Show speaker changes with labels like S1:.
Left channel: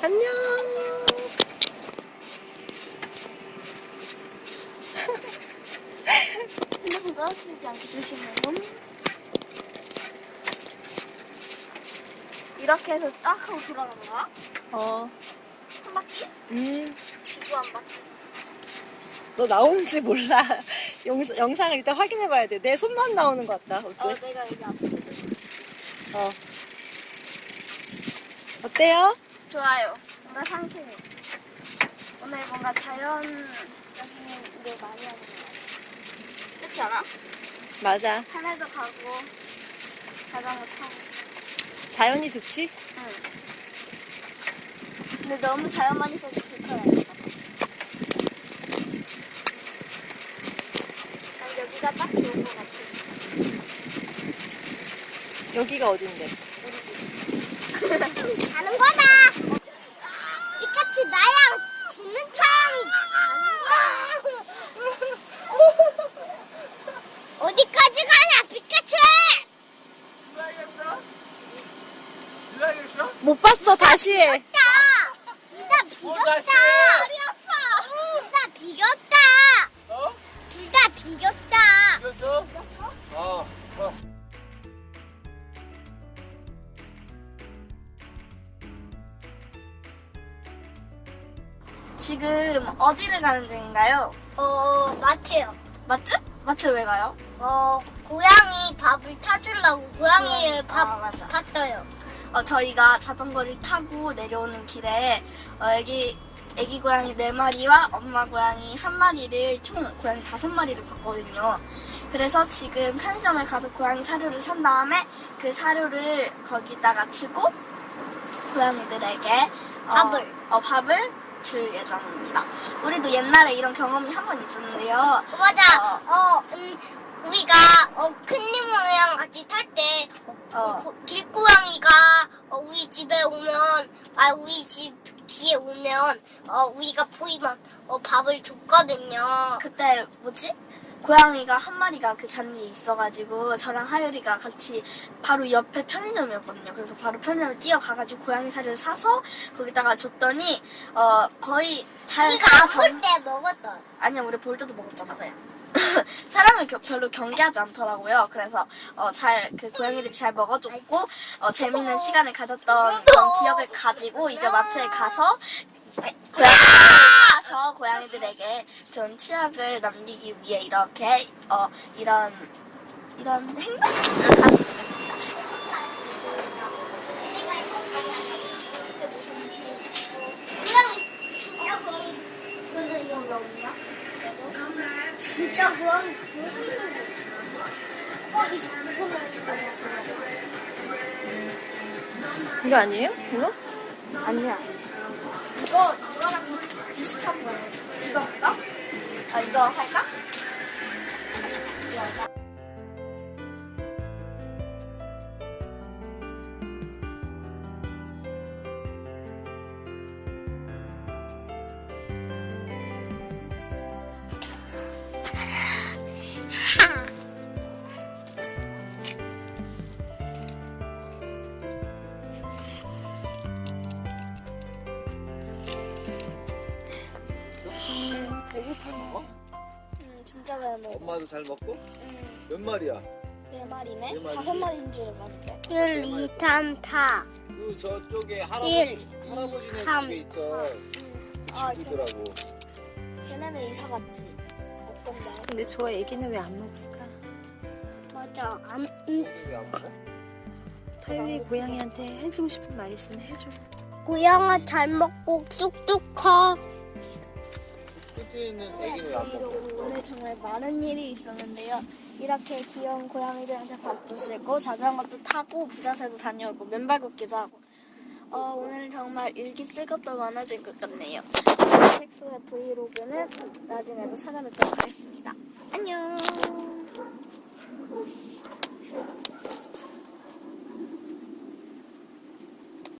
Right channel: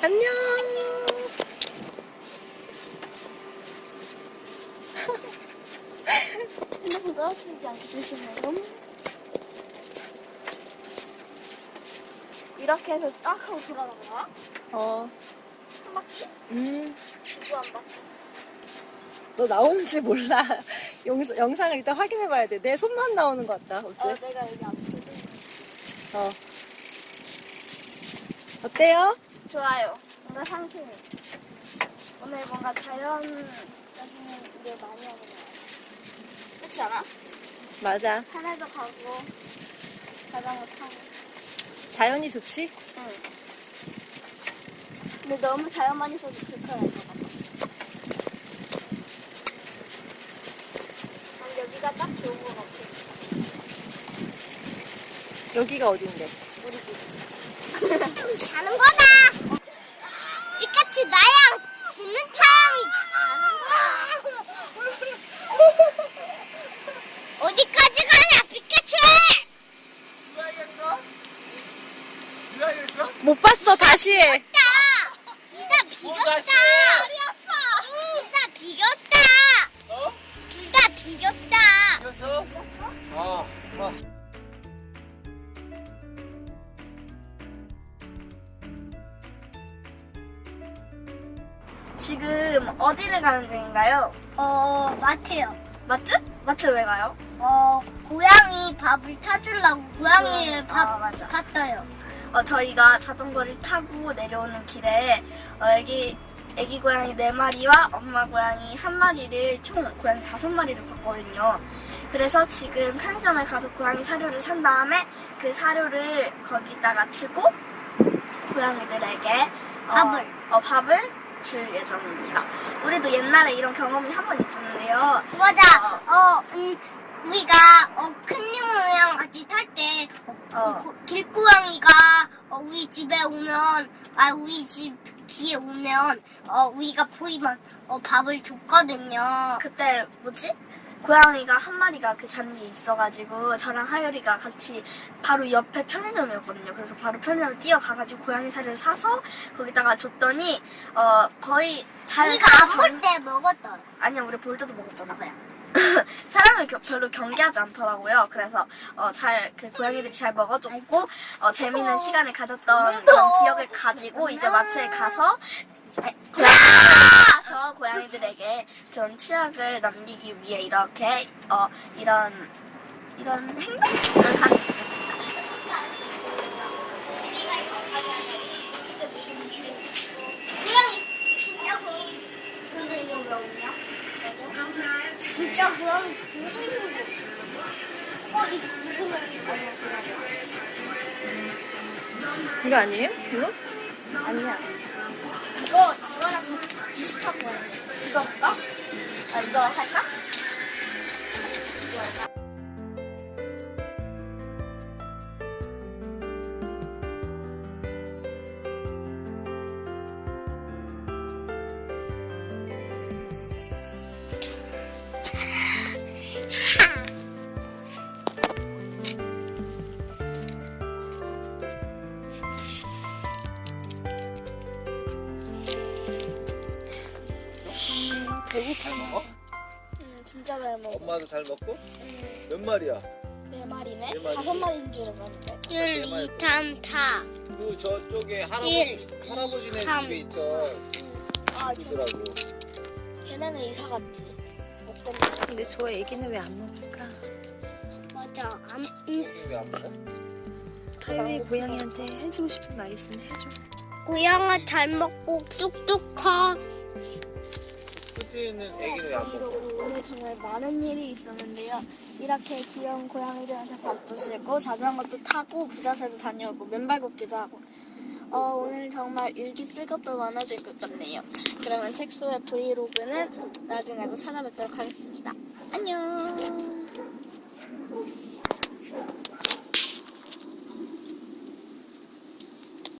S1: 안녕.
S2: 너무 떨어지지 않게 조심해요. 이렇게 해서 딱 하고 돌아가는 거야? 한 바퀴? 지구 한 바퀴.
S1: 너 나오는지 몰라. 영상을 일단 확인해봐야 돼. 내 손만 나오는 것 같다. 어째?
S2: 내가 여기 앞에.
S1: 어때요?
S2: 좋아요. 뭔가 상쾌해. 오늘 뭔가 자연적인 일을 많이 하는 것 같아. 그렇지 않아?
S1: 맞아.
S2: 산에도 가고 자전거 타고.
S1: 자연이 좋지?
S2: 응. 근데 너무 자연만 있어도 불편할 것 같아. 난 여기가 딱 좋은 것 같아.
S1: 여기가 어딘데?
S2: 우리 집. 가는 거다. 피카츄 나랑 짖는 타임이 어디까지 가냐 피카츄?
S3: 유아였어?
S1: 못 봤어. 다시 해.
S2: 둘다 비겼다.
S3: 다시
S2: 둘다 비겼다.
S3: 어?
S2: 둘다 비겼다.
S3: 이겼어? 아, 와.
S2: 지금 어디를 가는 중인가요? 마트요. 마트? 마트 왜 가요? 고양이 밥을 타주려고 고양이의 밥 맞아. 탔어요. 저희가 자전거를 타고 내려오는 길에 애기 고양이 4마리와 엄마 고양이 1마리를 총 고양이 5마리를 봤거든요. 그래서 지금 편의점에 가서 고양이 사료를 산 다음에 그 사료를 거기다가 주고 고양이들에게 밥을 줄 예정입니다. 우리도 옛날에 이런 경험이 한 번 있었는데요. 맞아. 우리가 큰님이랑 같이 탈 때 길고양이가 우리 집에 오면 우리 집 뒤에 오면 우리가 보이면 밥을 줬거든요. 그때 고양이가 1마리가 그 잔디에 있어가지고 저랑 하율이가 같이 바로 옆에 편의점이었거든요. 그래서 바로 편의점에 뛰어가가지고 고양이 사료를 사서 거기다가 줬더니 거의
S4: 우리가 안 볼 때 먹었던.
S2: 아니야, 우리 볼 때도 먹었잖아 그냥. 사람을 별로 경계하지 않더라고요. 그래서 그 고양이들이 잘 먹어줬고 재미있는 시간을 가졌던 그런 기억을 가지고 이제 마트에 가서 고양이들에게 전 치약을 남기기 위해 이렇게 이런 행동을 하게 됐습니다.
S4: 고양이 진짜 고양이 그런 이런 거 없냐? 진짜 고양이
S1: 이거 아니에요? 이거?
S2: 아니야. 이거랑 비슷한 거야. 이거 할까? 이거 할까?
S1: 배고파.
S2: 진짜 잘 먹어.
S3: 엄마도 잘 먹고? 몇 마리야?
S2: 4마리네?
S3: 네 마리.
S2: 5마리인 줄 알았는데.
S4: 1, 2, 3, 4.
S3: 그 저쪽에 할아버지네
S4: 삼.
S3: 집에 있던 친구더라고.
S2: 걔네는 이사 갔지. 없던데.
S1: 근데 저 애기는 왜 안 먹을까?
S4: 맞아.
S3: 왜안 먹어?
S1: 하율이 고양이한테 해주고 싶은 말 있으면 해줘.
S4: 고양이 잘 먹고 쑥쑥 커.
S3: 끝에 있는 애기는 왜 안 먹어?
S2: 오늘 정말 많은 일이 있었는데요. 이렇게 귀여운 고양이들한테 밥도 주고 자전거도 타고 부자새도 다녀오고 맨발 걷기도 하고 오늘 정말 일기 쓸 것도 많아질 것 같네요. 섹스의 브이로그는 나중에도 찾아뵙도록 하겠습니다. 안녕.